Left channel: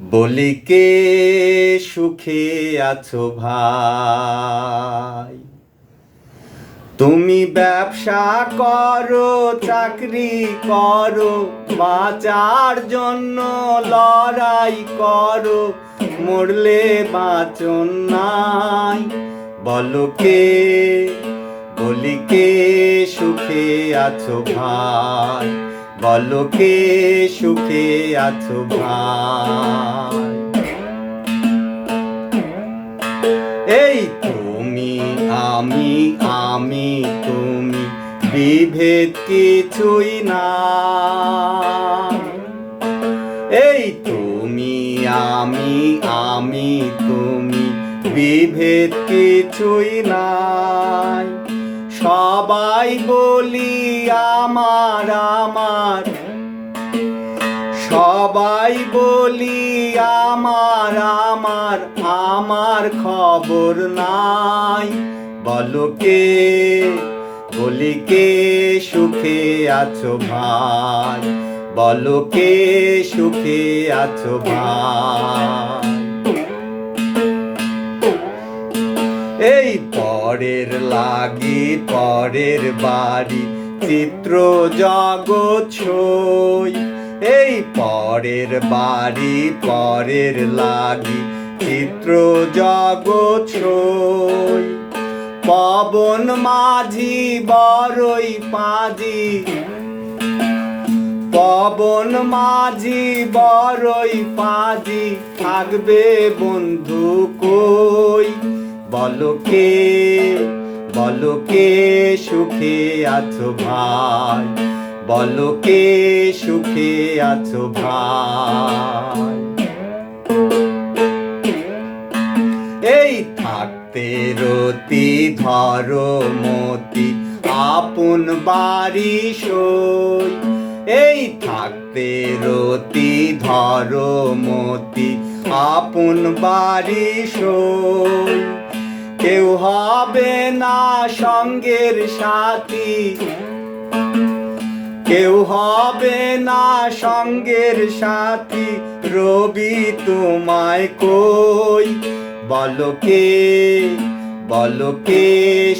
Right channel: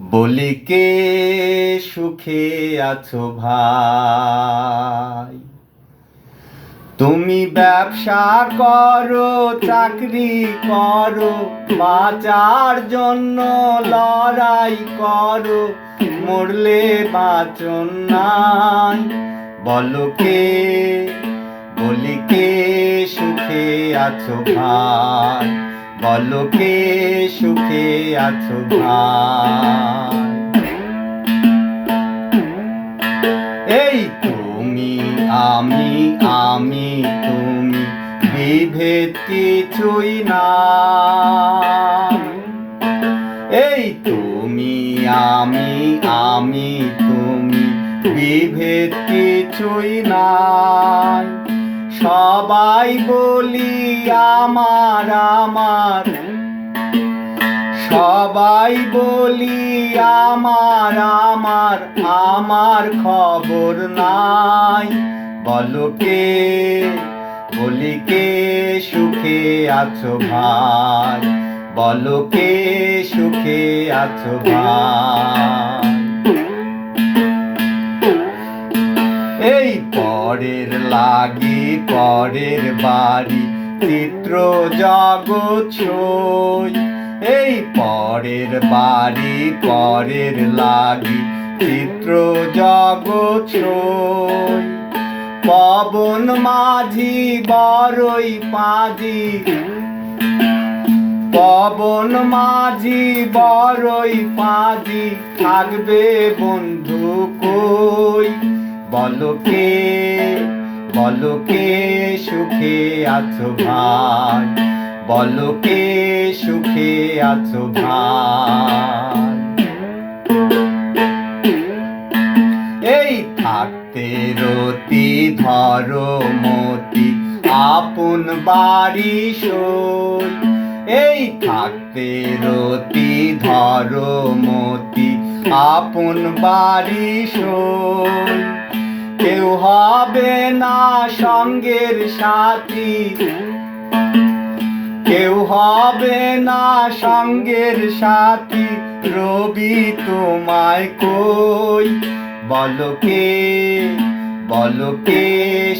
বলি কে সুখে আছো ভাই? তুমি ব্যবসা করো, চাকরি করো, বাঁচার জন্য লড়াই করো, মরলে বাঁচন নাই। বলো কে, বলি কে সুখে আছো ভাই? বলো কে সুখে আছো ভাই? এই তুমি আমি, আমি তুমি, বিভেদ কিছুই না। এই তুমি আমি, আমি তুমি, বিভেদ কিছুই নাই। সবাই বলি আমার আমার, সবাই বলি আমার আমার, আমার খবর নাই। বলো কে, বলি কে সুখে আছো ভাই? বলো কে সুখে আছো ভাই? এই পরের লাগি পরের বাড়ি, চিত্র জগৎ ছই। এই পরের বাড়ি পরের লাগি, চিত্র জগৎ ছই। পবন মাঝি বড়ই পাজি, পবন মাঝি বড়ই পাজি, থাকবে বন্ধু কই? বলো কে, বলো কে সুখে আছো ভাই? বলো কে সুখে আছো ভাই? এই থাকতে রতি ধরো মতি, আপন বাড়ি সই। এই থাকতে রতি ধরো মতি, আপন বাড়ি সই। কেউ হবে না সঙ্গের সাথী, কেউ হবে না সঙ্গের সাথী, রবি তোমায় কই? বলো কে, বলো কে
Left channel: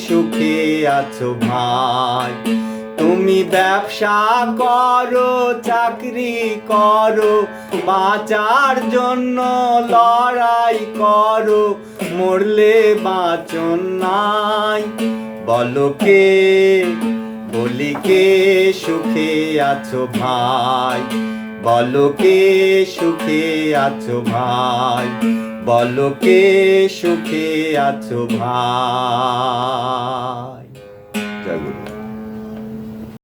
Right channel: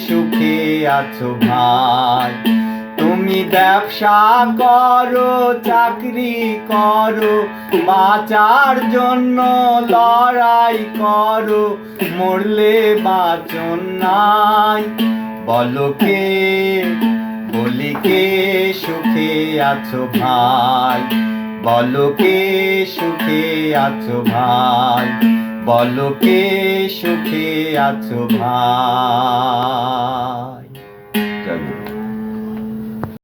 সুখে আছো ভাই? তুমি ব্যবসা করো, চাকরি করো, বাঁচার জন্য লড়াই করো, মরলে বাঁচন নাই। বলো কে, বলি কে সুখে আছো ভাই? বলো কে সুখে আছো ভাই? বলো কে সুখে আছো ভাই?